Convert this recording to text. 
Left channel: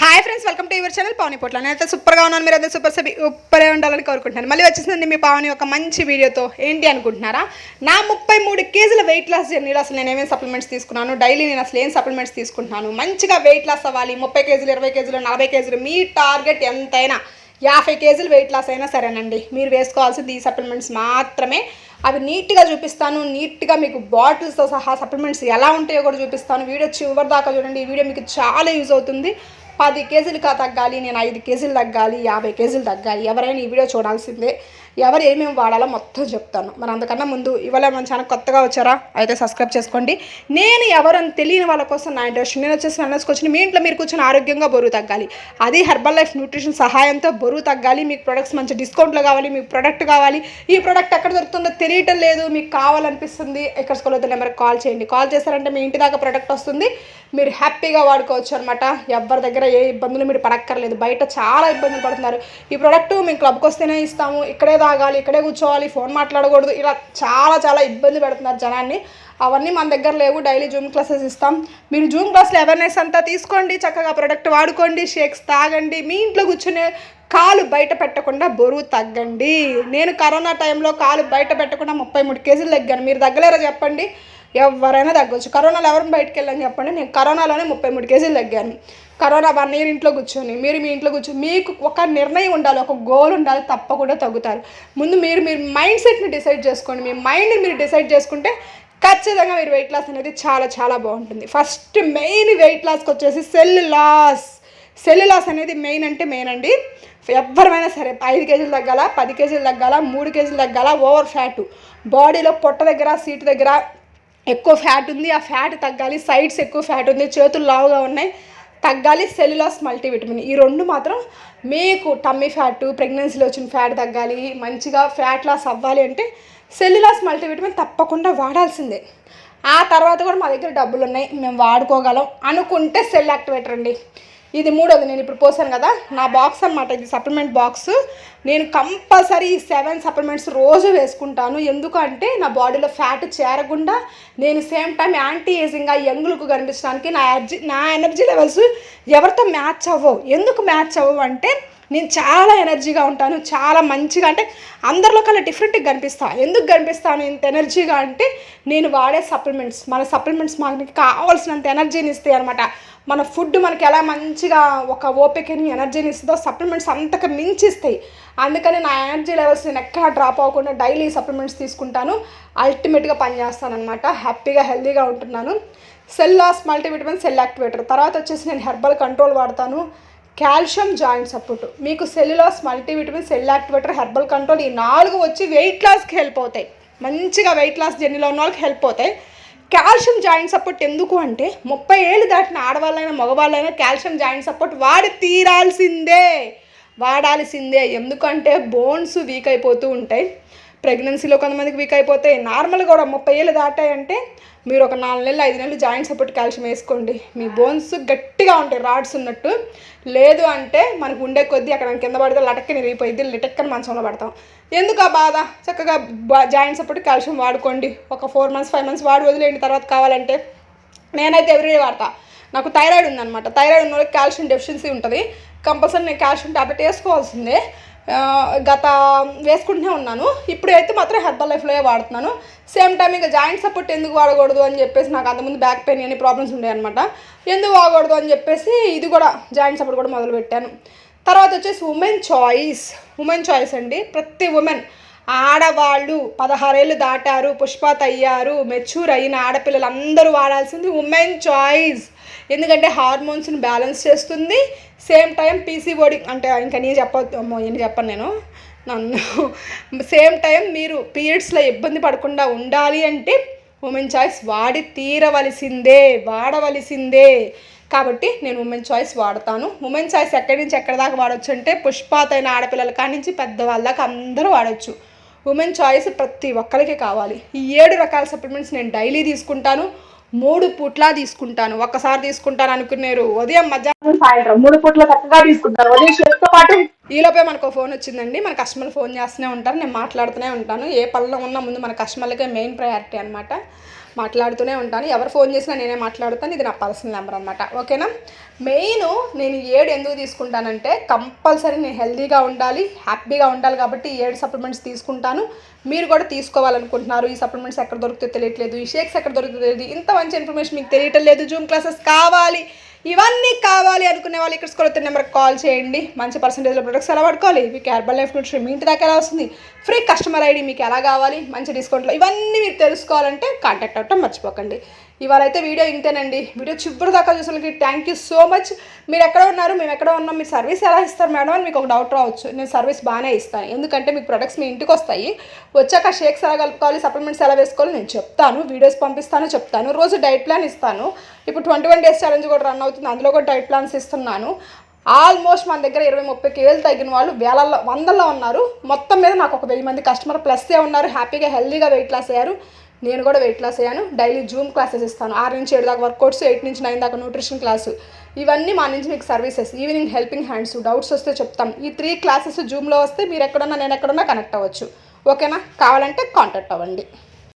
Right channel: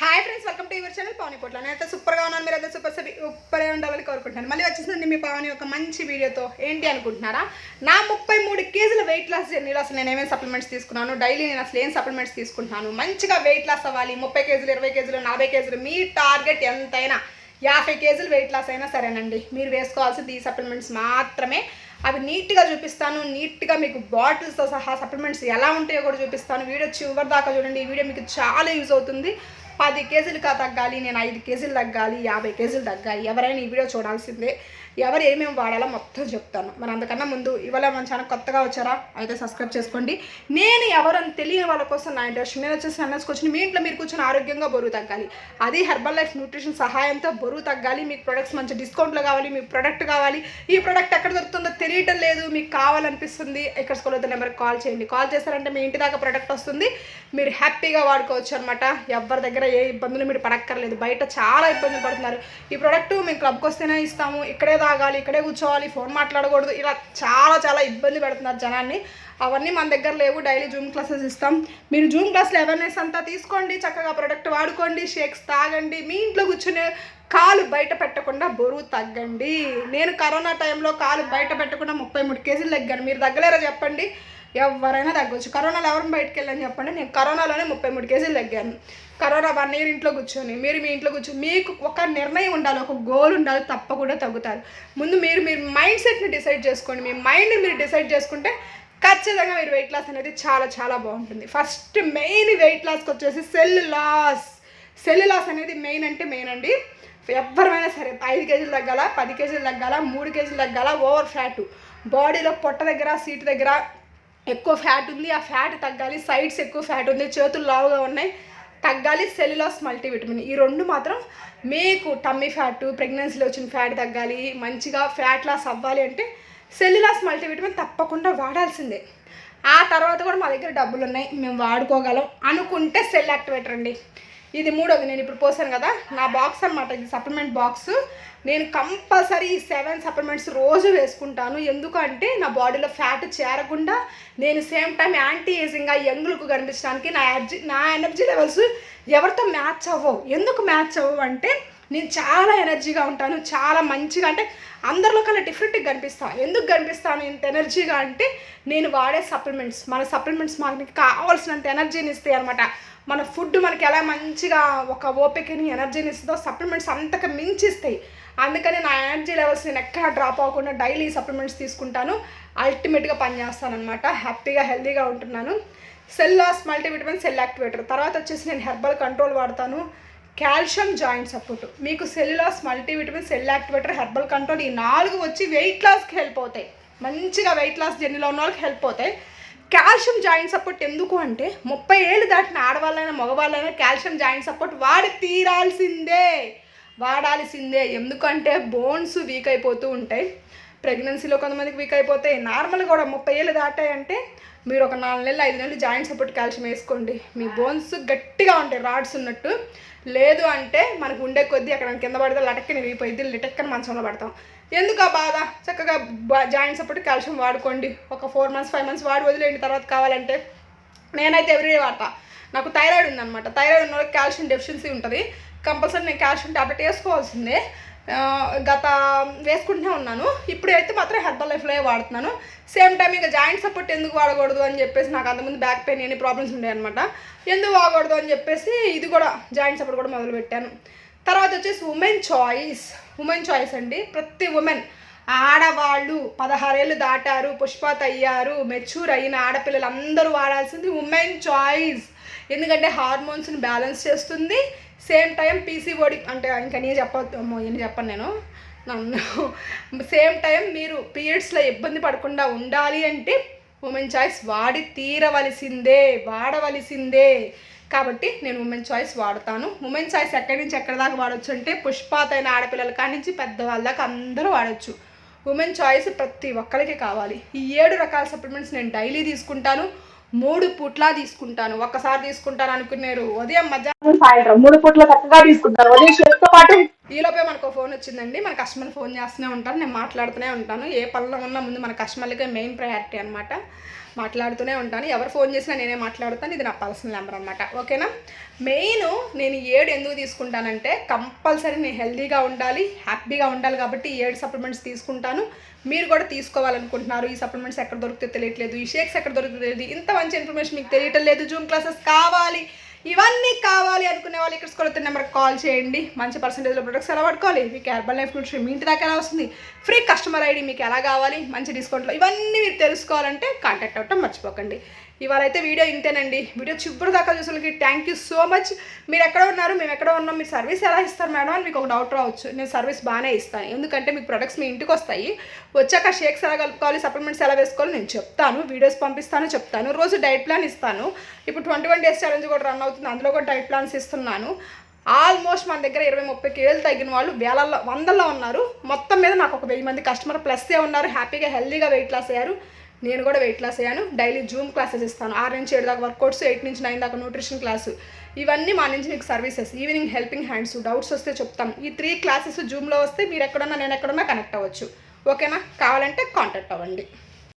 Hi friends welcome to your channel Pavani Potla నేనైతే సూపర్గా ఉన్నాను మీరు అయితే సూపర్ సబి సూపరే ఉండాలని కోరుకుంటున్నాను. మళ్ళీ వచ్చేసిందండి మీ పావని ఒక మంచి వీడియోతో ఏంటి అనుకుంటున్నారా? నా ముప్పై మూడు కేజీల వెయిట్ లాస్ జర్నీలో అసలు నేను ఏమేమి సప్లిమెంట్స్ తీసుకున్నాను డైలీ నేను అసలు ఏం సప్లిమెంట్స్ తీసుకుంటున్నాను? మంచిగా వెయిట్ లాస్ అవ్వాలి ముప్పై కేజీలు ఇరవై కేజీలు నలభై కేజీలు మీ టార్గెట్ ఎంతైనా యాభై కేజీలు వెయిట్ లాస్ అయినా సరేనండి. మీరు వేసుకోవాల్సింది ఈ సప్లిమెంట్స్ మాత్రమే. అవి నీట్గా చూపిస్తాను నీట్గా మీకు బాటిల్స్తో సహా సప్లిమెంట్స్ ఎలా ఉంటాయో కూడా చూపిస్తాను. వీడియో చివరి దాకా చూడండి. ఈ వీడియో మీకు చాలా యూజ్ అవుతుంది. పది కేజీలు కా తగ్గాలి నేను ఐదు కేజీలు తగ్గాలి యాభై కేజీలు తగ్గాలి ఎవరైనా ఈ వీడియో చూడాల్సిందే. ఎవరు ఏమేమి వాడాలో మొత్తం చెప్తాను. మరి అందుకన్నా ముందు ఇవాళ మన ఛానల్ కొత్తగా వచ్చారా? అయితే సబ్స్క్రైబ్ చేసుకోండి. నేను ఎవరని తెలియని వాళ్ళ కోసం నా ఇంట్రెస్ట్ నేను వచ్చేసి వెల్నెస్కి వచ్చిన మీ ఇంట్లో మీరు కూర్చొని ఆరోగ్యంగా బరువు తగ్గాలి. అది హెర్బల్ లైఫ్ న్యూట్రిషన్ సహాయంతో బరువు తగ్గాలి. మీకు ప్రొడక్ట్స్ మంచి డిస్కౌంట్లో కావాలి. మీకు ప్రొడక్ట్ కావాలి. ఈ ప్రొడక్ట్ ఎక్కడ దొరుకుతుందో తెలియటం లేదు. మీకు కావాలనిపిస్తుంది. ఇక్కడ స్కూల్ వద్ద నెంబర్కి కాల్ చేయండి. కాల్ చేశారంటే మీ ఇంటి దాకా ప్రొడక్ట్ వస్తుంది. మీరు హ్యాపీగా వాడుకోవచ్చు అనమాట ఎవరి దగ్గర ఏ ఇబ్బందులు మీరు పడక్కర్లేదు. బయట చాలా ఇబ్బందులు పడుతున్నారు. ఈ ప్రోడక్ట్ మేము క్లబ్కి వస్తేనే ఇస్తాము. ఇక్కడే తాగాలి ఇక్కడే కూర్చోవాలి ఫోన్ మాట్లాడకూడదు. ఇలా చాలా చాలా ఇబ్బంది పెడుతున్నారు జనాన్ని. అవన్నీ మన దగ్గర లేవు. డైలీ జూమ్ క్లాసెస్ ఇస్తాం. మీరు జూమ్ క్లాస్లో అవేర్నెస్ అంతా తీసుకోండి. చక్కగా ప్రోడక్ట్ వాడుకోండి. షేక్స్ తాగండి. మీ ఇంట్లో కూర్చునే కాలు బయట పెట్టకుండా బరువు తగ్గండి. నేను కరోనా టైంలో కాలు బయట పెట్టకుండా ముప్పై మూడు కేజీలు తగ్గాను. మీరు తగ్గలేరా చెప్పండి? ఎవరైనా తగ్గొచ్చు. కరోనాలో ఎవరిని బయటకు వెళ్ళని చెప్పండి. నేను కరోనాలోనే ముప్పై మూడు కేజీలు తగ్గాను. కరోనా వన్ ఇయర్ ఇంట్లో కూర్చొని మీరు మీ ఇంట్లో కూర్చొని మీకు ఒక నిర్ణయం ఉండాలి ఒక గోల్ ఉండాలి తప్పకుండా తగ్గుతారు. ముందు మీరు మీరు మైండ్ సెట్ని డిసైడ్ చేసుకోండి. మీ మైండ్ని మీరు డిసైడ్ చేసుకుంటే ఖచ్చితంగా మీరు వెయిట్ లాస్ అనేది చాలా చాలా బాగుంటుంది. ఫస్ట్ మెయిన్ వెయిట్ లాస్కి వచ్చేసి సెల్ లాస్ సెల్ లాస్ అనేది మెయిన్ అంటే మెయిన్ అండి. ఎవరిమైనా సరే ఐదు కేజీలు తగ్గాల పది కేజీలు తగ్గాల మూడు కేజీలు తగ్గాల ఓవర్ ఫ్యాట్ బాడీలో పొట్ట దగ్గర సీట్ దగ్గర ఎక్కువ ఫ్యాట్ ఉంది ఆ ఫ్యాట్ తగ్గాలి. సైడ్స్ ఎక్కువ ఫ్యాట్ ఉంది చేతులు లావుగా ఉన్నాయి. తగ్గాలి సెల్యులాస్ మల్టీవిటమిన్. ఈ రెండు మాత్రం మీకు టమ్మీ ఫ్యాట్ ప్రెగ్నెన్సీలో వచ్చిన ఫ్యాట్ తగ్గాలి మంచిగా ఫ్యాట్ లాస్ అవ్వాలి అంటే సెల్యులాస్ మల్టీవిటమిన్ తప్పకుండా వాడాల్సిందే. ఆ తర్వాత కూడా మా దగ్గర డబ్బులు ఉన్నాయి మేము వాడుకోగలం అనుకుంటే సెల్ యాక్టివేటర్ అండి. ఇది మూడోది నేను ఇప్పుడు పోసాను కదా. నా బాక్స్ అనమాట ఇది సప్లిమెంట్ బాక్స్ నేను కంపల్సరీ ఈ సెవెన్ సప్లిమెంట్స్ రోజు వేసుకుంటాను. ఎందుకంటే నా బాడీలో ఫ్యాట్ చేరకుండా నేను సేమ్ టైం యాంటీ ఏజింగ్గా యంగ్ కనిపించడానికి నా ఎనర్జీ నా ఎనర్జీ లెవెల్స్ ఎవరితో మ్యాచ్ అవ్వవు. ఎందుకు మ్యాచ్ అవ్వవు అంటే నేను చాలా ఎనర్జీగా ఉంటాను చాలా మంచిగా అంటే అందరిలో కల్లా డిఫరెంట్గా కనిపిస్తాను ఎందుకు కనిపిస్తాను ఇంత ఎనర్జీగా అంటే నేను వాడే సప్లిమెంట్స్ మన సప్లిమెంట్స్ మనకి కావాల్సినంత ఎనర్జీని ఇస్తాయి అనమాట మన ఫుడ్ మనకి ఎలా మంచిగా ఒక ఓపికని ఎనర్జీని ఇస్తుందో సప్లిమెంట్స్ అంతకు మించిస్తాయి అందుకని నా ఎనర్జీ లెవెల్స్ నేను ఎక్కడ డ్రాప్ అవ్వకుండా డైలీ సప్లిమెంట్స్ తీసుకుంటాను. అల్టిమేట్గా పనిచేస్తాను అనమాట హ్యాపీగా హెల్తీగా ఉంటున్నాను. Cell loss multivitamin cell activator తర్వాత వచ్చేసి నేను హెర్బల్ కంట్రోల్ వాడతాను. కాల్షియం జాయింట్ సపోర్ట్ మీకు cell u loss multivitamin cell activator herbal control ఈ నాలుగు వచ్చి వెయిట్ లాస్కి హెల్ప్ అవుతాయి. మంచిగా వెయిట్ లాస్ జర్నీలో ఉన్న వాళ్ళకి హెల్ప్ అవుతాయి. కాల్షియం జాయింట్ సపోర్ట్ ఎందుకు అంటే ముప్పై ఏళ్ళు దాటిన ఆడవాళ్ళైనా మగవాళ్ళైనా కాల్షియం జాయింట్ సపోర్ట్ వాడి తీరాల్సిందే. వాడాల్సిందే. ఎందుకంటే బోన్స్ వీక్ అయిపోతూ ఉంటాయి. ప్రెగ్నెన్సీలో కొంతమందికి వీక్ అయిపోతాయి నార్మల్గా కూడా ముప్పై ఏళ్ళు దాటాయంటే మీరు ఒక నాలుగు నెలలు ఐదు నెలలు జాయింట్ సపోర్ట్ కాల్షియం వేసుకోండి. మీ బోన్స్ గట్టిగా ఉంటాయి రాడ్స్ ఉన్నట్టు. లేదు అంటే మనకు ఉండే కొద్దీ అక్కడ కింద పడితే లటక్కని విరిగిపోయింది లటక్కని మంచంలో పడతాం. ఎందుకు ఆ బాధ? చక్కగా జాయింట్ సపోర్ట్ కాల్షియం వాడుకోండి. ఒక ఫోర్ మంత్స్ ఫైవ్ మంత్స్ వాడి వదిలేండి తర్వాత కావాలంటే నేనైతే ఎవ్రీ వాడతా. నాకు థైరాయిడ్ ఉందన్నమాట. థైరాయిడ్ ఉన్న వాళ్ళకి కాల్షియం డెఫిషియన్సీ ఉంటుంది. కంపల్సరీ నేను కాల్షియం టాబ్లెట్ వేసుకోవాల్సిందే. గత వేసుకుంటూనే ఉన్నాను. ఇప్పుడైతే మాత్రం హెర్బల్ లైఫ్లో వాడుతున్నాను. సేమ్ టైం ఇంకా జాయింట్ సపోర్ట్ ఎందుకు వాడకూడదు అని చెప్పేసి నాకు అంతకుముందు బ్యాక్ పెయిన్ అని ప్రాబ్లమ్స్ ఉన్నాయన్నమాట ఎందుకు వాడకూడదు అని చెప్పేసి ఇది కూడా జాయింట్ సపోర్ట్ కూడా మొదలుపెట్టాను తర్వాత వచ్చేసి ఉమెన్ చాయిస్ ఉమెన్ చాయిస్ అండి. ప్రతి ఉమెన్ ఆడవాళ్ళు పదహారేళ్ళు దాటారు పుష్పాత్ అయ్యారు మెచ్యూర్ అయిన ఆడపిల్లలు అందరూ వాడాల్సింది ఉమెన్ చాయిస్ ఎందుకంటే హార్మోన్స్ని బ్యాలెన్స్ చేస్తుంది. సేమ్ టైం పీసీఓడి అంటే ఇంకా నేను చెప్పొద్దు అమ్మో చెప్పను నేను. నన్ను సేమ్ టైం మీరు పీరియడ్స్లో ఇబ్బంది పడకుండా ఉండాలి అంటే ఉమెన్ చాయిస్ వాడి తీరవలసిందే వాడవలసిందే. కాబట్టి నేను ఉమెన్ చాయిస్ వాడతాను. ఉమెన్ చాయిస్ ఎక్కడి నుంచి ఎక్కడి దాకా వాడచ్చు అంటే పుష్పాతైన ఆడపిల్లల కాడి నుంచి పెద్దవాళ్ళ దాకా అందరూ వాడచ్చు. ఉమెన్ చాయిస్ ప్రతి ఒక్కరికి కావాలి. ఈ ఏడు రకాల సప్లిమెంట్స్ నేను డైలీ తీసుకుంటాను. మూడు పూట్లా తీసుకుంటాను. ఒక్కసారి తీసుకుంటాను అనుకున్నారు. ఉదయం మధ్యాహ్నం సాయంత్రం మూడు పూట్ల చక్కగా తీసుకుంటాను ఉదయం షేప్తో పాటు ఈలోపే మనకు ఫోన్ వచ్చిందండి. మన కస్టమర్ ఫోన్ చేస్తూనే ఉంటారు. నేను మాట్లాడుతూనే ఉంటాను. ఏ పనిలో ఉన్నా ముందు మన కస్టమర్లకే మెయిన్ ప్రయారిటీ అనమాట మాట్లాడుతూనే ఉంటాను. ఎవరు ఫోన్ చేసినా నేనే మాట్లాడుతాను. ఇది నా పర్సనల్ నెంబర్ అనమాట ఓకేనా? మెయిన్ నేను ఏడు ఎందుకు తీసుకుంటానంటే కంపల్సరీ నేను హెల్తీగా ఉండాలి హ్యాపీగా ఉండాలి కాబట్టి ఈ ఏడు సప్లిమెంట్స్ తీసుకుంటాను. మీరు కూడా తీసుకోవాలనుకుంటున్నారు. ఈ సప్లిమెంట్స్ ఎక్కడ దొరికితే తెలియట్లేదు. ఈ షేక్స్ ఎక్కడ దొరికితే తెలియదు. ఇంత మంచి ఇన్ఫర్మేషన్ మీకు తెలియటం లేదు. జూమ్ క్లాసెస్ కావాలి. ఇవన్నీ కావాలి అనుకునే వాళ్ళు ఇక్కడ స్కూల్ నెంబర్కి కాల్ చేయండి. మంచి పర్సంటేజ్లో ప్రొడక్ట్స్ ఎలా పడుకోవాలి మీకు హెర్బల్ లైఫ్ న్యూట్రిషన్ మీ ఇంటి దాకా ఎలా వస్తుంది? ఫ్రీ కస్టమర్ ఐడి మీకు ఎలా కావాలి? మంచి డిస్కౌంట్లో ఇవన్నీ మీరు తెలుసుకోవాలంటే కాంటాక్ట్ అవ్వటం మర్చిపోకండి. ఇవాళ అయితే వీడియో ఇంతేనండి. వీడియో చివరి దాకా చూసిన థ్యాంక్ యూ సో మచ్ మీరు ఎక్కడ ఉన్నారు? మేము ఎక్కడ ఉన్నాం? మీరు సర్వీస్ ఎలా ఇస్తారు మేడం? అని మీకు ఒక డౌట్ రావచ్చు. నేను సర్వీస్ బాగానే ఇస్తాను. ఎందుకంటే మీకు ప్రొడక్ట్స్ మీ ఇంటికి వస్తాయి. వచ్చాక షేక్స్ ఎలా కలుపుకోవాలి? సప్లిమెంట్స్ ఎలా వేసుకోవాలి? నేను చెప్తాను. వీడియోస్ పంపిస్తాను చెప్తాను. రోజు డైట్ ప్లాన్ ఇస్తాను. ఇప్పుడు ట్వంటీ వన్ డేస్ ఛాలెంజ్ కూడా రన్ అవుతుంది. అందులో కూడా డైట్ ప్లాన్స్ ఇస్తున్నాను. ఆల్మోస్ట్ మన దగ్గర ఇరవై ముప్పై కేజీలు తగ్గిన వాళ్ళు వేలల్లో వందల్లో ఉన్నారు. మొత్తం మీద నాకు ఒక వెయ్యి మంది కస్టమర్ ప్లస్సే ఉన్నారు. హ్యాపీగా హెల్తీగా వెయిట్ లాస్ అయ్యారు. నేను కూడా వెయిట్ లాస్ అయ్యాను. డైలీ జూమ్ క్లాసెస్ ఇస్తాను. ఆరు నుంచి ఏడు దాకా వర్కౌట్స్ ఎయిట్ నుంచి నైన్ దాకా న్యూట్రిషన్ క్లాసు ఇవన్నీ మా నుంచి మీకు services evening helping hands doubts వస్తే చెప్తాం. ఈ త్రీ క్లాసెస్ జూమ్లో వస్తే మీరు ఎక్కడున్నా నేను ఎక్కడున్నా కనెక్ట్ అవ్వచ్చు. ఓకేనా కావాలంటే కాంటాక్ట్ అవ్వండి.